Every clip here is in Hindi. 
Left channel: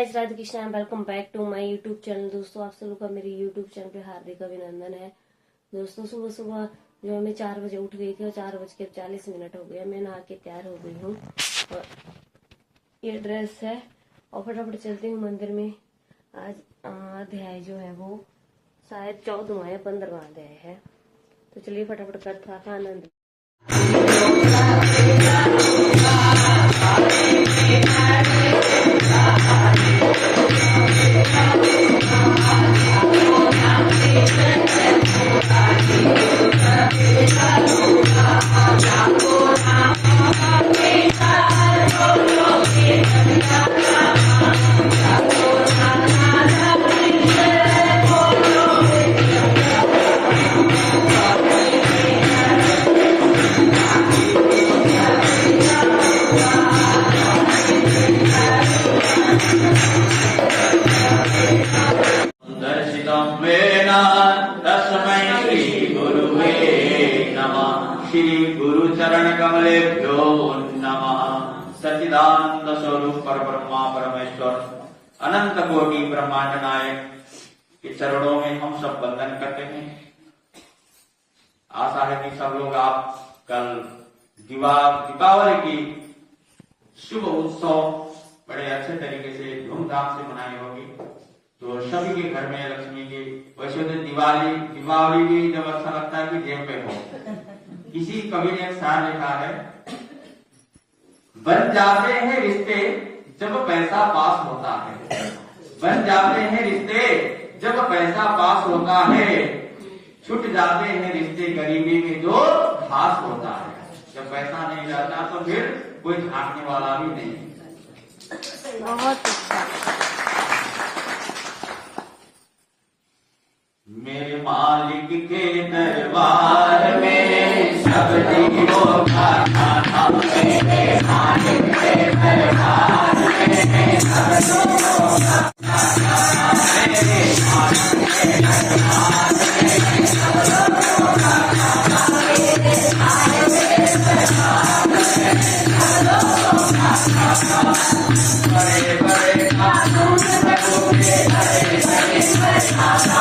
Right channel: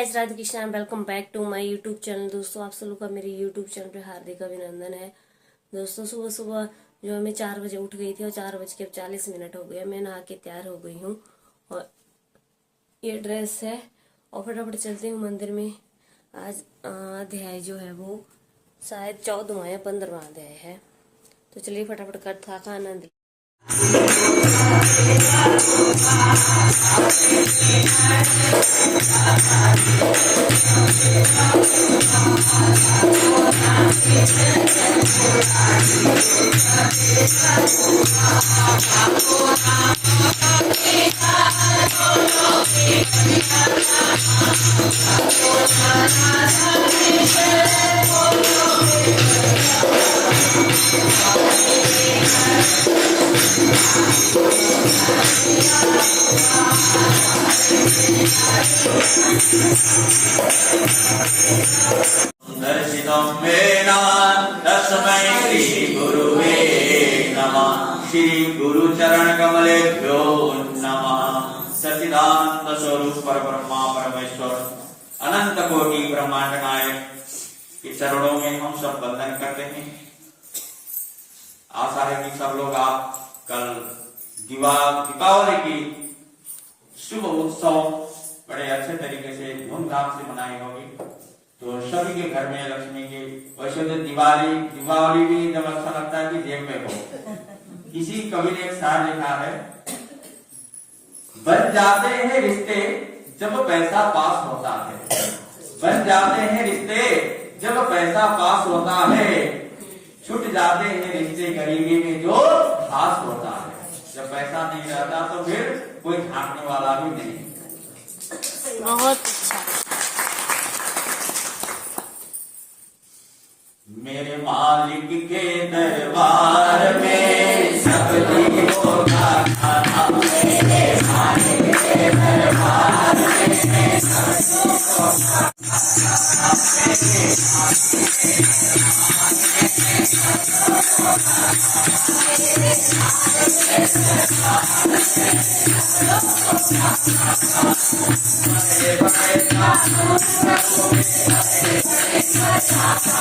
Radhe Krishna, welcome back to my YouTube channel. दोस्तों, आप सब लोग का मेरे यूट्यूब चैनल पे हार्दिक अभिनंदन है। दोस्तों, सुबह सुबह जो मैं 4 बजे उठ गई थी और 4:40 हो गया, मैं नहा के तैयार हो गई हूँ और ये ड्रेस है और फटाफट चलती हूँ मंदिर में। आज अध्याय जो है वो शायद 14वां या 15वां अध्याय है, तो चलिए फटाफट कथा का आनंद। दर्शितं मेना तस्मै श्री गुरुवे नमः। श्री गुरु चरण कमलेभ्यो नमः। सच्चिदानंद स्वरूप परब्रह्मा परमेश्वर अनंत कोटि ब्रह्मांड नायक के चरणों में हम सब वंदन करते हैं। आशा है कि सब लोग आप कल दीपावली की शुभ उत्सव बड़े अच्छे तरीके से धूमधाम से मनाए होंगे। तो सभी के घर में लक्ष्मी की, वैसे तो दीपावली भी जब अच्छा लगता है कि जेब पे हो। किसी कवि ने एक शायर लिखा है, बन जाते हैं रिश्ते जब पैसा पास होता है। बन जाते हैं रिश्ते जब पैसा पास होता है, छूट जाते हैं रिश्ते गरीबी में जो खास होता है। जब पैसा नहीं रहता तो फिर कोई झांकने वाला भी नहीं। बहुत अच्छा। मेरे मालिक के दरबार में सब जीवों का खाना। मेरे मालिक के दरबार में सब जीवों का खाना। मेरे मालिक के दरबार में सब जीवों का खाना। मेरे मालिक के दरबार में सब जीवों का खाना। बड़े बड़े कानून प्रभु के बड़े बड़े खाना।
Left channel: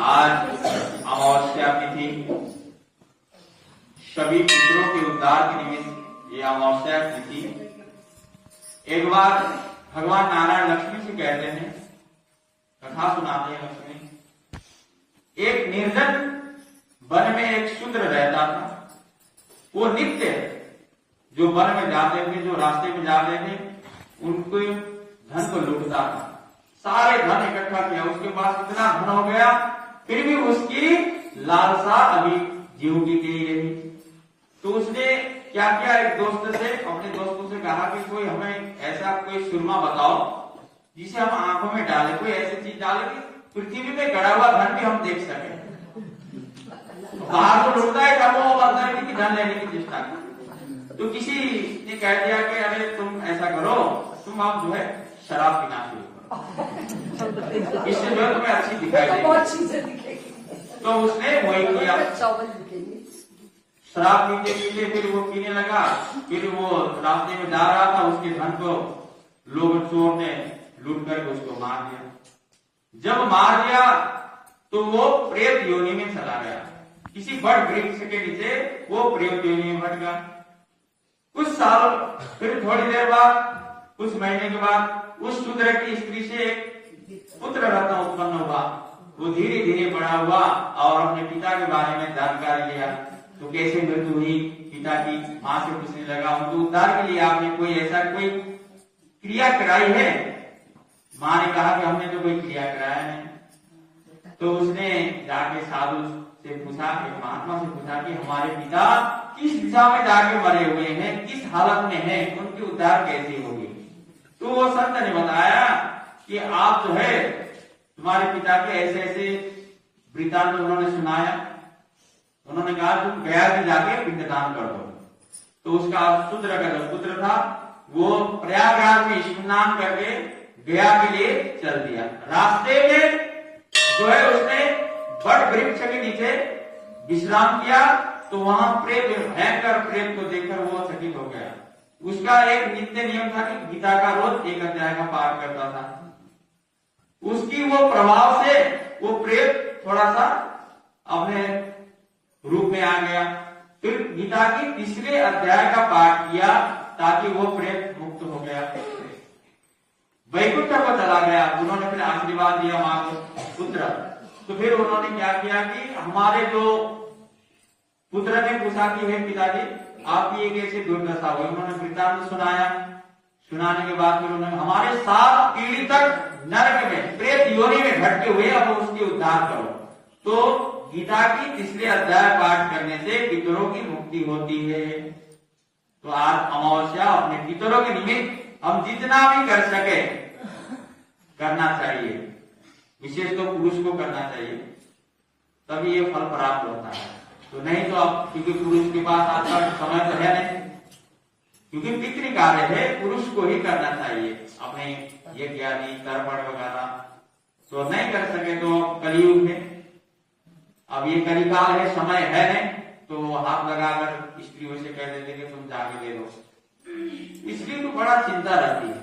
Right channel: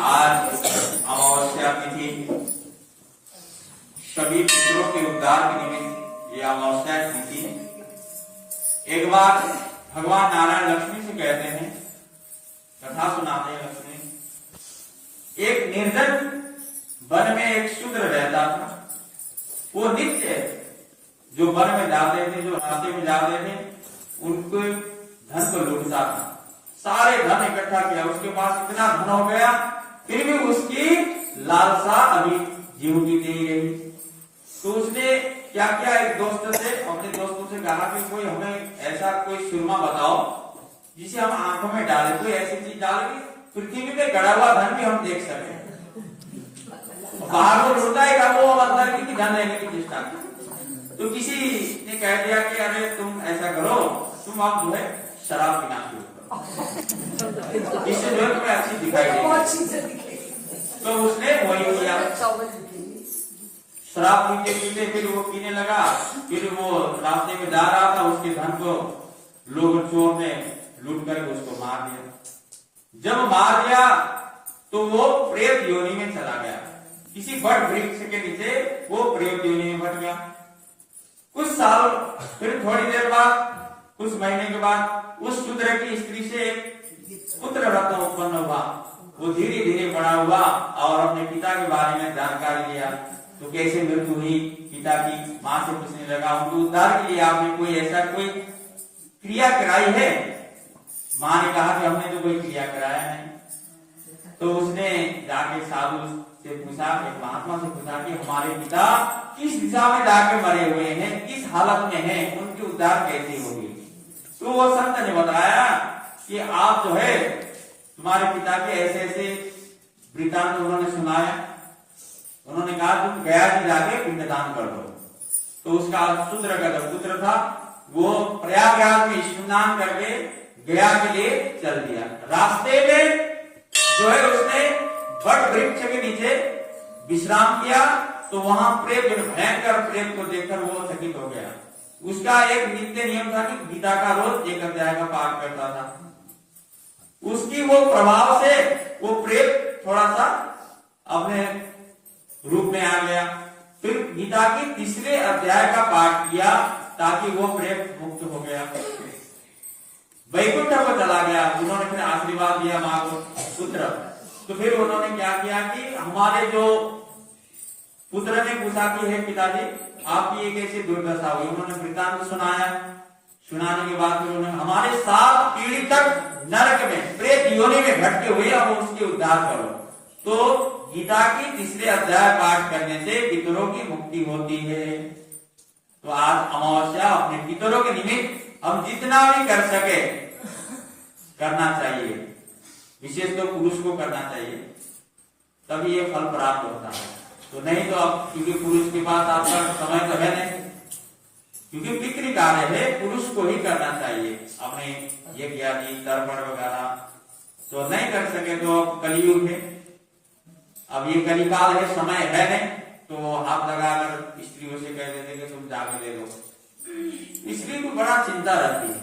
आज अमावस्या तिथि, सभी पितरों के उद्धार के निमित्त ये अमावस्या तिथि। एक बार भगवान नारायण लक्ष्मी से कहते हैं, कथा सुनाते हैं लक्ष्मी। एक निर्जन वन में एक शूद्र रहता था। वो नित्य जो वन में जाते थे, जो रास्ते में जाते थे, उनके धन को लूटता था। सारे धन इकट्ठा किया, उसके पास इतना धन हो गया, फिर भी उसकी लालसा अभी जीव की नहीं रही। तो उसने क्या किया, एक दोस्त से, अपने दोस्तों से कहा कि कोई हमें ऐसा कोई सुरमा बताओ जिसे हम आंखों में डालें, कोई ऐसी चीज डालें कि पृथ्वी में गड़ा हुआ धन भी हम देख सकें। बाहर तो लूटता है वो अंदर की धन रहने की चेष्टा की। तो किसी ने कह दिया कि अरे तुम ऐसा करो, तुम आप जो है शराब पीना शुरू करो, इससे जो है तुम्हें अच्छी दिखाई देगी। तो उसने वही किया, शराब पीते पीते फिर वो पीने लगा। फिर वो रास्ते में जा रहा था, उसके धन को लोग चोर ने लूट करके उसको मार दिया। जब मार दिया तो वो प्रेत योनि में चला गया। किसी बड़ वृक्ष के नीचे वो प्रेत योनि में भट गया। कुछ साल, फिर थोड़ी देर बाद, कुछ महीने के बाद उस शूद्र की स्त्री से एक पुत्र रत्न उत्पन्न हुआ। वो धीरे धीरे बड़ा हुआ और अपने पिता के बारे में जानकारी लिया। तो कैसे मृत्यु हुई पिता की? माँ से पूछने लगा, उनको उद्धार के लिए आपने कोई ऐसा कोई क्रिया कराई है? माँ ने कहा कि हमने तो कोई क्रिया कराया नहीं। तो उसने जाके साधु से पूछा, एक महात्मा से पूछा कि हमारे पिता किस दिशा में जाके मरे हुए हैं, किस हालत में हैं, उनकी उद्धार कैसे होगी? तो वो संत ने बताया कि आप जो है तुम्हारे पिता के ऐसे ऐसे वृत्तांत उन्होंने सुनाया। उन्होंने कहा तुम गया जी जाके पिंडदान कर दो। तो उसका शूद्र का जो पुत्र था वो प्रयागराज में स्नान करके गया के लिए चल दिया। रास्ते में जो है उसने बड़ वृक्ष के नीचे विश्राम किया, तो वहां प्रेत, भयंकर प्रेत को देखकर वो चकित हो गया। उसका एक नित्य नियम था कि गीता का रोज एक अध्याय का पाठ करता था। उसकी वो प्रभाव से वो प्रेत थोड़ा सा अपने रूप में आ गया। फिर गीता की तीसरे अध्याय का पाठ किया ताकि वो प्रेत मुक्त हो गया, वैकुंठ को चला गया। उन्होंने फिर आशीर्वाद दिया माँ को, पुत्र। तो फिर उन्होंने क्या किया कि हमारे जो पुत्र ने पूछा कि हे पिताजी आपकी एक ऐसी दुर्दशा हुई। उन्होंने वृत्तांत सुनाया। सुनाने के बाद फिर उन्होंने हमारे 7 पीढ़ी तक नरक में प्रेत योनि में भटके हुए, अब उसकी उद्धार करो। तो गीता की तीसरे अध्याय पाठ करने से पितरों की मुक्ति होती है। तो आज अमावस्या अपने पितरों के निमित्त हम जितना भी कर सके करना चाहिए, विशेष तो पुरुष को करना चाहिए, तभी ये फल प्राप्त होता है। तो नहीं तो अब क्योंकि पुरुष के पास आपका समय तो है नहीं, क्योंकि पितृ कार्य है, पुरुष को ही करना चाहिए अपने ये ज्ञानी तर्पण वगैरह। तो नहीं कर सके तो अब कलयुग में, अब ये कलिकाल है, समय है नहीं, तो हाथ लगाकर स्त्रियों से कह देते कि तुम जाके दे दो। इसलिए तो बड़ा चिंता रहती है,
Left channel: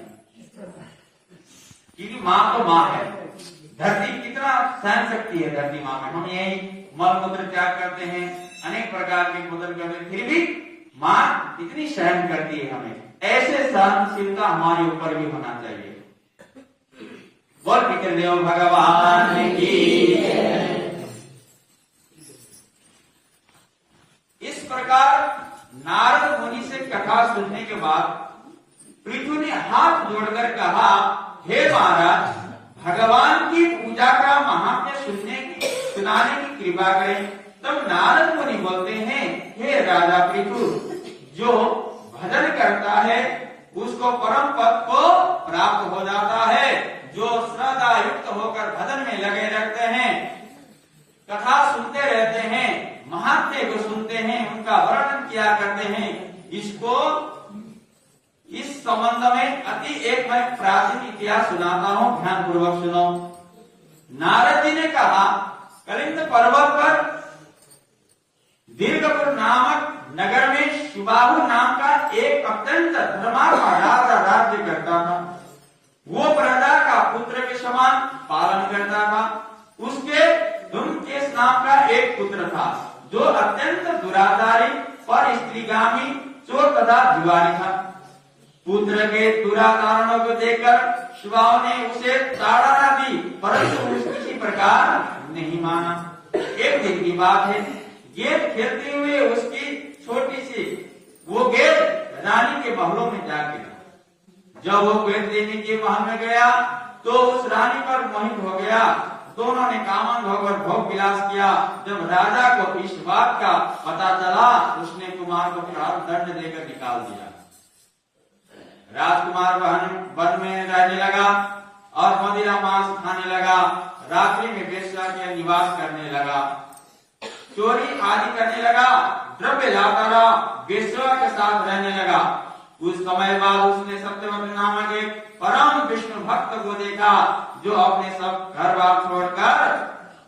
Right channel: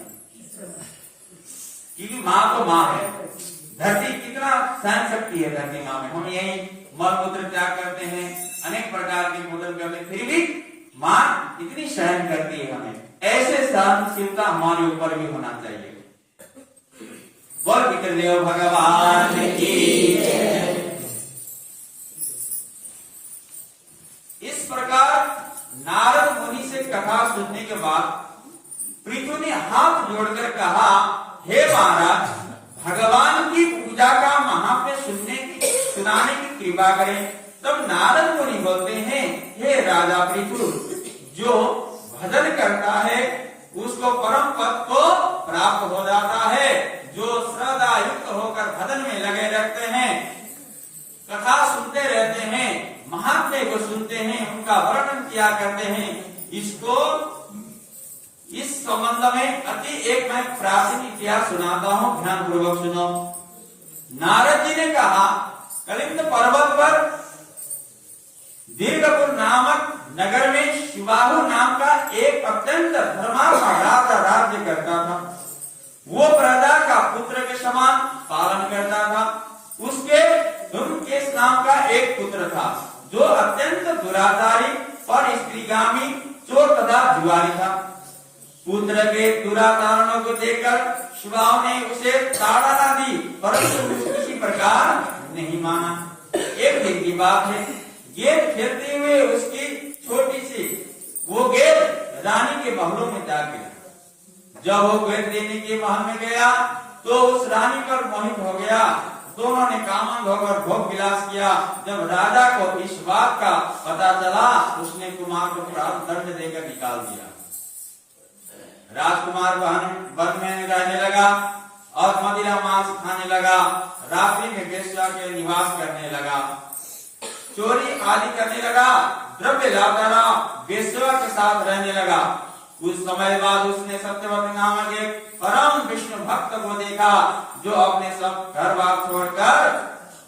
क्योंकि माँ तो माँ है। धरती कितना सहन शक्ति है धरती माँ में। हम यही मल मूत्र त्याग करते हैं, अनेक प्रकार के भोजन करते हैं, फिर भी माँ इतनी सहन करती है हमें। ऐसे सहनशीलता हमारे ऊपर भी होना चाहिए। बोल पितृदेव भगवान की। इस प्रकार नारद मुनि से कथा सुनने के बाद पृथु ने हाथ जोड़कर कहा, हे महाराज, भगवान की पूजा का महात्म्य सुनाने की कृपा करें। तब नारद मुनि बोलते हैं, हे राजा पृथु, जो भजन करता है उसको परम पद को प्राप्त हो जाता है। जो श्रद्धा युक्त होकर भजन में लगे रहते हैं, कथा सुनते रहते हैं, महात्म्य को सुनते हैं, उनका वर्णन किया करते हैं, इसको इस संबंध में अति एक मैं प्राचीन इतिहास सुनाता हूं, ध्यान पूर्वक सुनो। नारद जी ने कहा, कलिंग पर्वत पर दीर्घपुर नामक नगर में शिवाहु नाम का एक अत्यंत धर्मात्मा राजा राज्य करता था। वो प्रजा का पुत्र के समान पालन करता था। उसके धूमकेश नाम का एक पुत्र था जो अत्यंत दुराचारी और स्त्रीगामी चोर तथा जुआरी था। पुत्र के दुराचारणों को देखकर शिवाओं ने उसे ताड़ना दी, परंतु किसी प्रकार नहीं माना। एक दिन की बात है, गेंद खेलते हुए उसकी छोटी सी वो गेंद रानी के महलों में जा गिरा। जब वो गेंद देने के महल में गया तो उस रानी पर मोहित हो गया। दोनों ने कामंद होकर भोग विलास किया। जब राजा को इस बात का पता चला, उसने कुमार को प्राप्त दंड देकर निकाल दिया। राजकुमार वन में रहने लगा और मदिरा मांस खाने लगा। रात्रि में वेश्या के निवास करने लगा, चोरी आदि करने लगा, द्रव्य लाता रहा, वेश्या के साथ रहने लगा। कुछ समय बाद उसने सत्यवती नामक एक परम विष्णु भक्त को देखा, जो अपने सब घर बार छोड़कर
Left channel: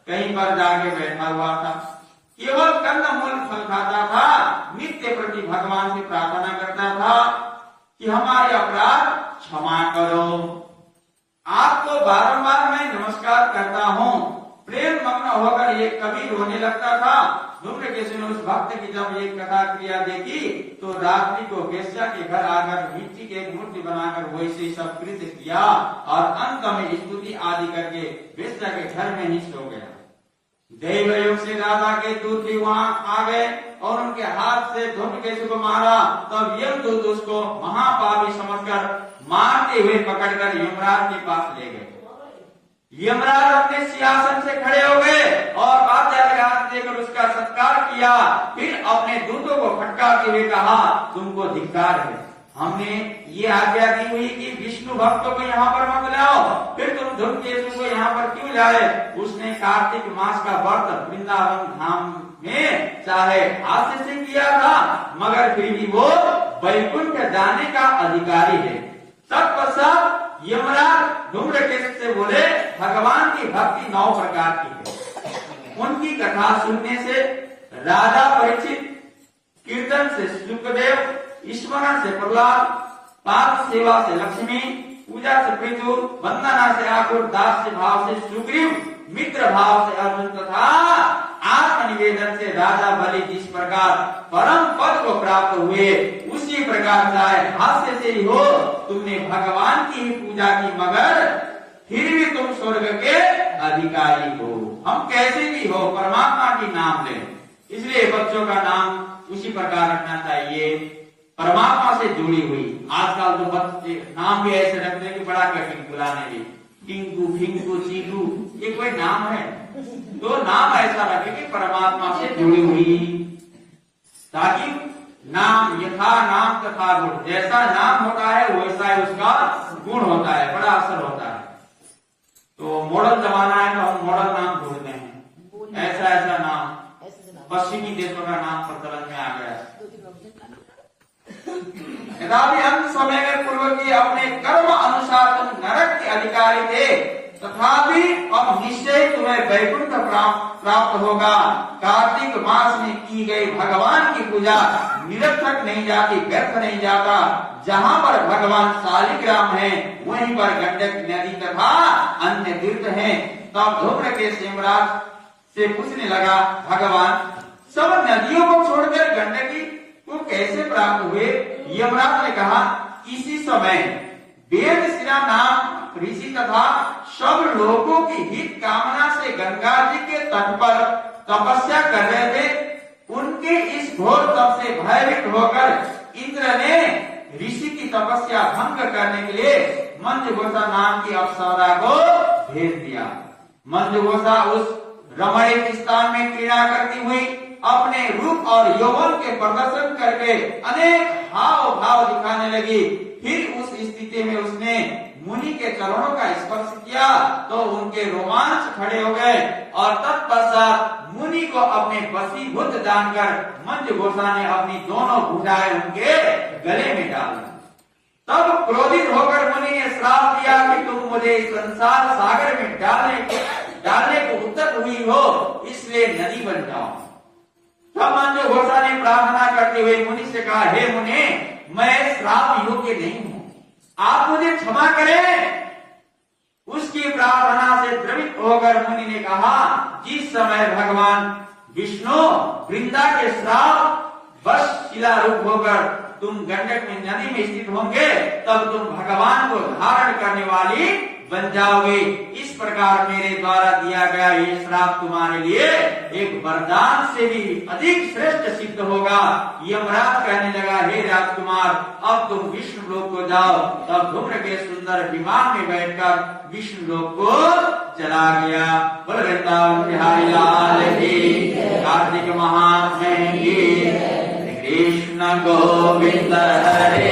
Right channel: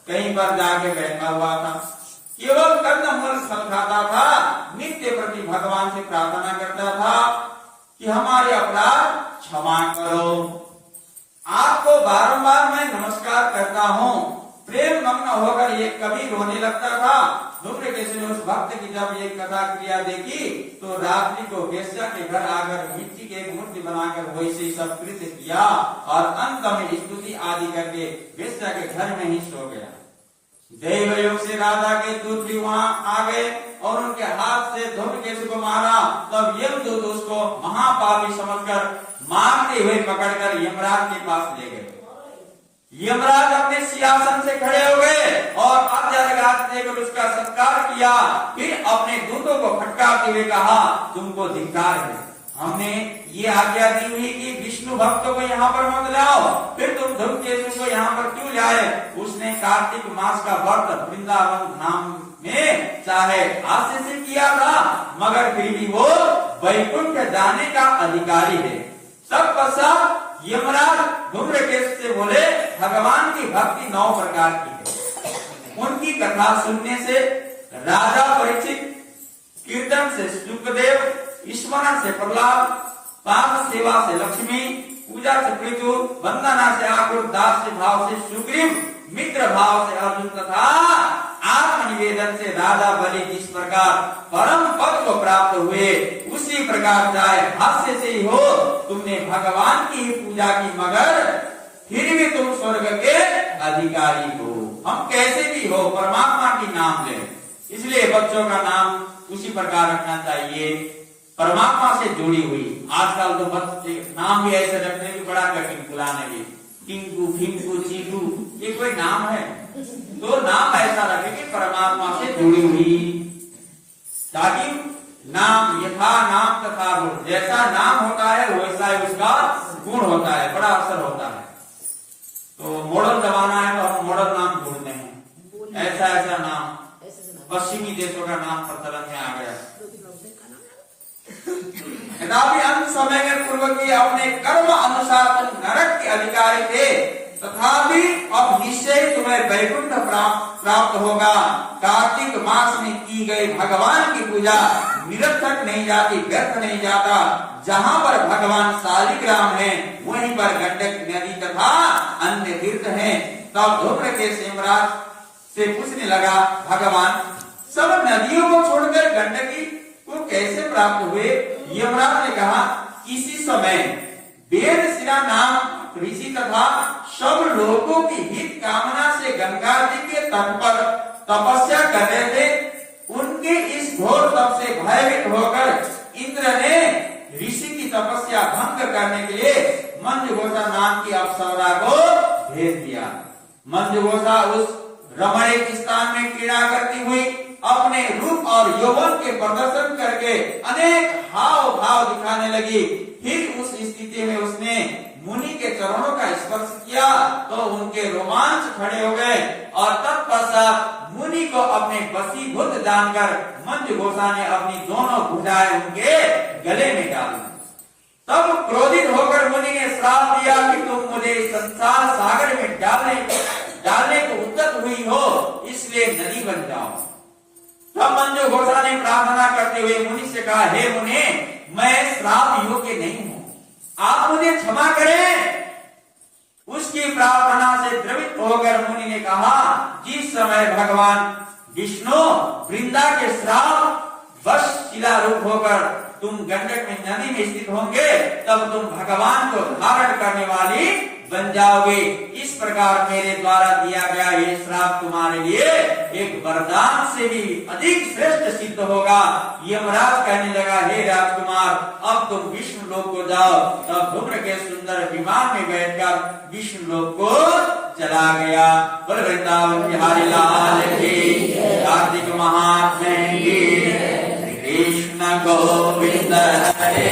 कहीं पर जाके बैठा हुआ था। केवल कंदमूल फल खाता था, नित्य प्रति भगवान से प्रार्थना करता था कि हमारे अपराध क्षमा करो। आपको बारंबार मैं नमस्कार करता हूँ। प्रेम मग्न होकर ये कभी रोने लगता था। धूम्रकेतु ने उस भक्त की जब ये कथा क्रिया देखी तो रात्रि को वेश्या के घर आकर मिट्टी की एक मूर्ति बनाकर वैसे ही सब कृत्य किया और अंत में स्तुति आदि करके वेश्या के घर में ही सो गया। दैव योग से राजा के दूत भी वहां आ गए और उनके हाथ से धूम्रकेतु को मारा, तब यमदूत उसको महापापी समझकर मारते हुए पकड़कर यमराज के पास ले गए। यमराज अपने सिंहासन से खड़े हो गए और आज्ञा लगाते देकर उसका सत्कार किया। फिर अपने दूतों को फटकारते हुए कहा, तुमको धिक्कार है, हमने ये आज्ञा दी हुई कि विष्णु भक्तों को यहाँ पर मत लाओ, फिर तुम धूमकेतु को यहाँ पर क्यों लाए? उसने कार्तिक मास का व्रत वृंदावन धाम में चाहे हास्य से किया था, मगर फिर भी वो वैकुंठ जाने का अधिकारी है। तत्पश्चात यमराज धूम्रकेतु से बोले, भगवान की भक्ति 9 प्रकार की है। उनकी कथा सुनने से राजा परीक्षित, कीर्तन से शुकदेव, स्मरण से प्रहलाद, पाद सेवा से लक्ष्मी, पूजा से पृथु, वंदना से आकुर, दास्य भाव से सुग्रीव, मित्र भाव से अर्जुन तथा आत्मनिवेदन से राजा बलि जिस प्रकार परम पद को प्राप्त हुए, उसी प्रकार चाहे हास्य से ही हो, तुमने भगवान की ही पूजा की, मगर फिर भी तुम स्वर्ग के अधिकारी हो। हम कैसे भी हो परमात्मा की नाम ले, इसलिए बच्चों का नाम उसी प्रकार रखना चाहिए, परमात्मा से जुड़ी हुई। आजकल तो बच्चे नाम भी ऐसे रखते हैं कि बड़ा कठिन बुलाने के, टिंकू, फिंकू, चीकू, ये कोई नाम है? तो नाम ऐसा रखे कि परमात्मा से जुड़ी हुई, ताकि नाम यथा नाम तथा गुण, जैसा नाम होता है वैसा ही उसका गुण होता है, बड़ा असर होता है। तो मॉडर्न जमाना है तो हम मॉडर्न नाम ढूंढते हैं, ऐसा नाम पश्चिमी देशों का नाम प्रचलन में आ गया। यद्यपि अंत समय में पूर्व के अपने कर्म अनुसार तुम नरक के अधिकारी थे, तथापि अब निश्चय तुम्हें वैकुंठ प्राप्त होगा। कार्तिक मास में की गई भगवान की पूजा निरर्थक नहीं जाती, व्यर्थ नहीं जाता। जहाँ पर भगवान शालिग्राम है, वहीं पर गंडक नदी तथा अन्य तीर्थ हैं। तब धूम्रकेतु यमराज से पूछने लगा, भगवान सब नदियों को छोड़कर गंडकी को कैसे प्राप्त हुए? यमराज ने कहा, किसी समय वेद शिरा नाम ऋषि तथा सब लोगों की हित कामना से गंगा जी के तट पर तपस्या कर रहे थे। उनके इस घोर तप से भयभीत होकर इंद्र ने ऋषि की तपस्या भंग करने के लिए मंजुघोषा नाम की अप्सरा को भेज दिया। मंजुघोषा उस रमणीक स्थान में क्रीड़ा करती हुई अपने रूप और यौवन के प्रदर्शन करके अनेक हाव भाव दिखाने लगी। फिर उस स्थिति में उसने मुनि के चरणों का स्पर्श किया तो उनके रोमांच खड़े हो गए और तत्पश्चात मुनि को अपने वशीभूत जानकर मंजुघोषा ने अपनी दोनों भुजाएं उनके गले में डाल दी। तब क्रोधित होकर मुनि ने श्राप दिया कि तुम मुझे संसार सागर में डालने को उद्यत हुई हो, इसलिए नदी बन जाओ। तब मंजुघोषा ने प्रार्थना करते हुए मुनि से कहा, हे मुनि, मैं श्राप योग्य नहीं हूँ, आप मुझे क्षमा करें। उसकी प्रार्थना से द्रवित होकर मुनि ने कहा, जिस समय भगवान विष्णु वृंदा के श्राप वश शिला रूप होकर तुम गंडक में नदी में स्थित होंगे, तब तुम भगवान को धारण करने वाली बन जाओगे। इस प्रकार मेरे द्वारा दिया गया ये श्राप तुम्हारे लिए एक वरदान से भी अधिक श्रेष्ठ सिद्ध होगा। यमराज कहने लगा, हे राजकुमार, अब तुम विष्णु लोक को जाओ। तब धूम्रकेतु सुंदर विमान में बैठकर विष्णु लोक को चला गया। बोल वृंदावन बिहारी लाल की, कार्तिक महात्मे की, कृष्ण गोविंद हरे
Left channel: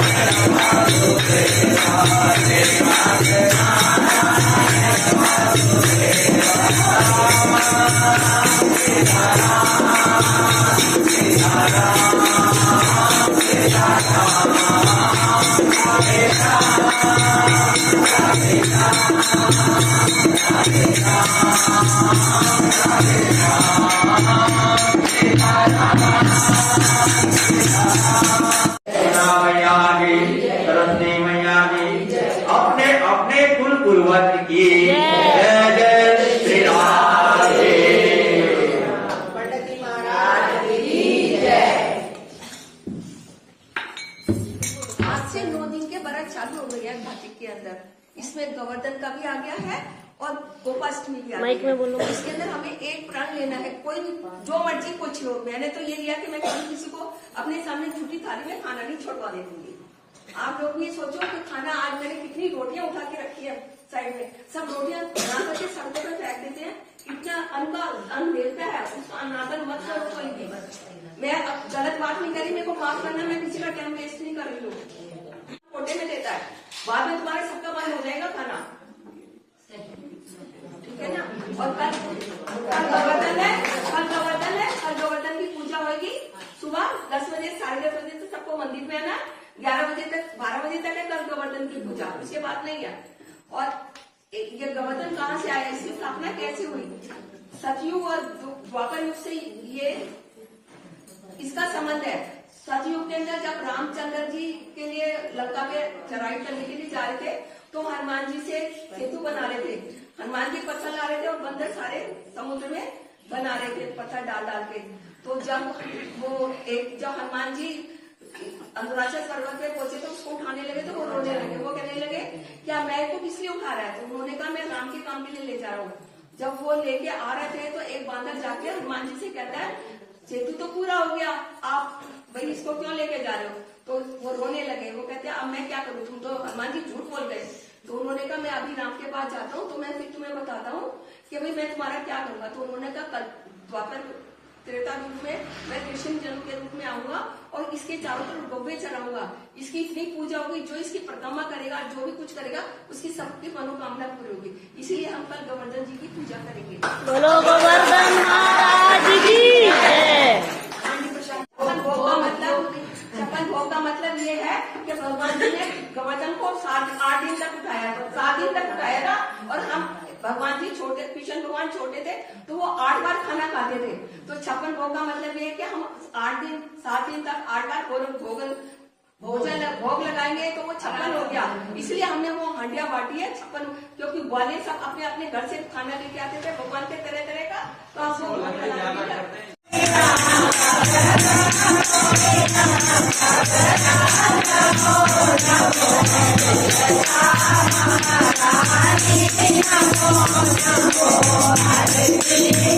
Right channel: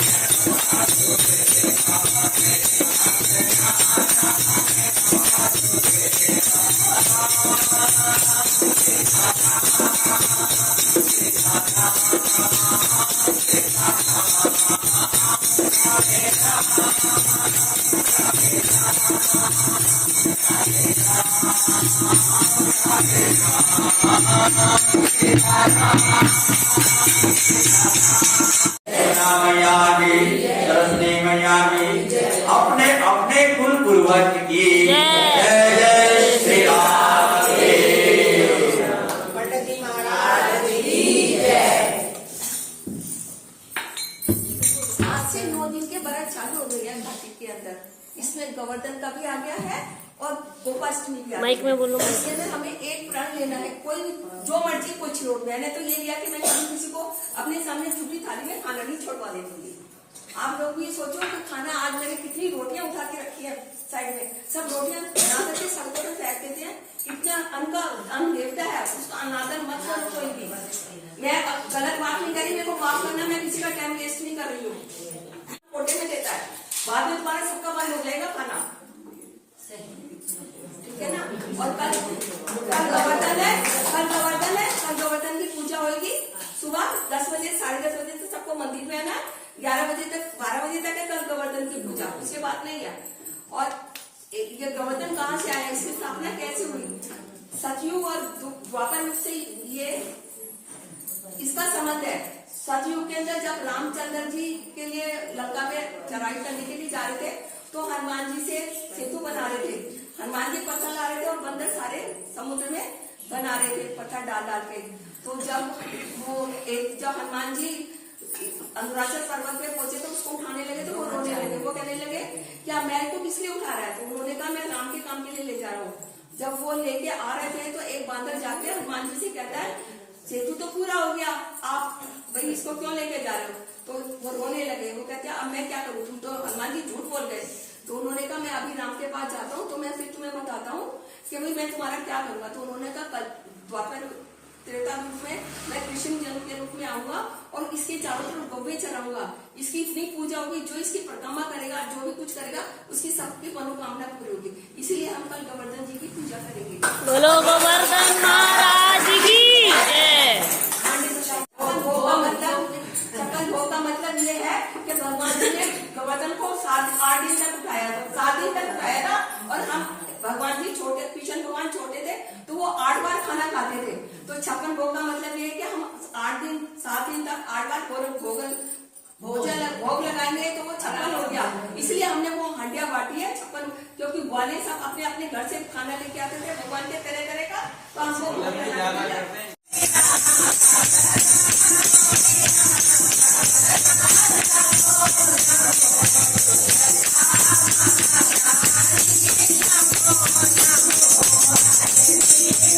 Hare मैया की, सरस्वती मैया की, अपने अपने कुल पूर्वज की जय जय श्री राम। पंडित महाराज की जय। आज से 9 दिन के व्रत चालू हो गई है कार्तिक के अंदर। इसमें गोवर्धन का भी आ गया है और गोपाष्टमी भी आ माइक में बोलो। इसके अंदर हमें एक प्रण लेना है, कोई भी जो मर्जी कुछ लो। मैंने तो ये लिया कि मैं कभी किसी को अपने सामने झूठी थाली में खाना नहीं छोड़वा देती। आप लोग ये सोचो कि खाना आज मैंने कितनी रोटियां उठा के रखी है साइड में, सब रोटियां बना करके सड़कों पर फेंक देते हैं। इतना अन्न देवता है, उसका अनादर मत करो कोई भी। मैं गलत बात नहीं करी, मेरे को माफ करना, मैं किसी का टाइम वेस्ट नहीं कर रही हूँ। कोटे में देता है, बाद में तुम्हारा सबका बंद हो जाएगा खाना, ठीक है ना। और कल गोवर्धन है, कल गोवर्धन की पूजा होगी सुबह 10 बजे, 10:30 बजे से सबको मंदिर में आना। 11 बजे तक, 12 बजे तक है कल गोवर्धन की पूजा, उसके बाद नहीं है। और ये गोवर्धन कहाँ से आया, इसकी स्थापना कैसे हुई? सतयुग और द्वापर युग से ये इसका संबंध है। सतयुग के अंदर जब रामचंद्र जी के लिए लंका पे चढ़ाई करने के लिए जा रहे थे, तो हनुमान जी से सेतु बना रहे थे। हनुमान जी पत्थर ला रहे थे और बंदर सारे समुद्र में बना रहे थे पत्थर डाल डाल के। तो जब हनुमान जी अरुणाचल पर्वत पे पहुंचे तो उसको उठाने लगे, तो वो रोने लगे। वो कहने लगे क्या मैं तो किस लिए उठा रहा है? तो उन्होंने कहा मैं राम के काम के लिए ले जा रहा हूँ। जब वो लेके आ रहे थे तो एक बांदर जाके हनुमान जी से कहता है सेतु तो पूरा हो गया, आप भाई इसको क्यों लेके जा रहे हो? तो वो रोने लगे। वो कहते हैं अब मैं क्या करूँ, तुम तो हनुमान जी झूठ बोल गए। तो उन्होंने कहा मैं अभी राम के पास जाता हूँ, तो मैं फिर तुम्हें बताता हूँ कि भाई मैं तुम्हारा क्या करूंगा। तो उन्होंने कहा कल द्वापर त्रेता युग में मैं कृष्ण जन्म के रूप में आऊंगा और इसके चारों तरफ गौवे चढ़ाऊंगा। इसकी इतनी पूजा होगी, जो इसकी परिक्रमा करेगा, जो भी कुछ करेगा, उसकी सबकी मनोकामना पूरी होगी। इसीलिए हम कल गोवर्धन जी की पूजा करेंगे। बोलो गोवर्धन महाराज की जय। छप्पन भोग का मतलब ये है कि भगवान जी ने गोवर्धन को 8 दिन तक उठाया था, 7 दिन तक उठाया था। और हम भगवान जी छोटे, कृष्ण भगवान छोटे थे तो वो 8 बार खाना खाते थे। तो 56 भोग का मतलब ये है कि हम 7 दिन तक 8 बार भोग लगाएंगे, तो वो 56 हो गया। इसलिए हमने वो हांडिया बांटी है 56, क्योंकि ग्वाले सब अपने अपने घर से खाना लेके आते थे भगवान के तरह तरह का। तो हम लोग Thank you.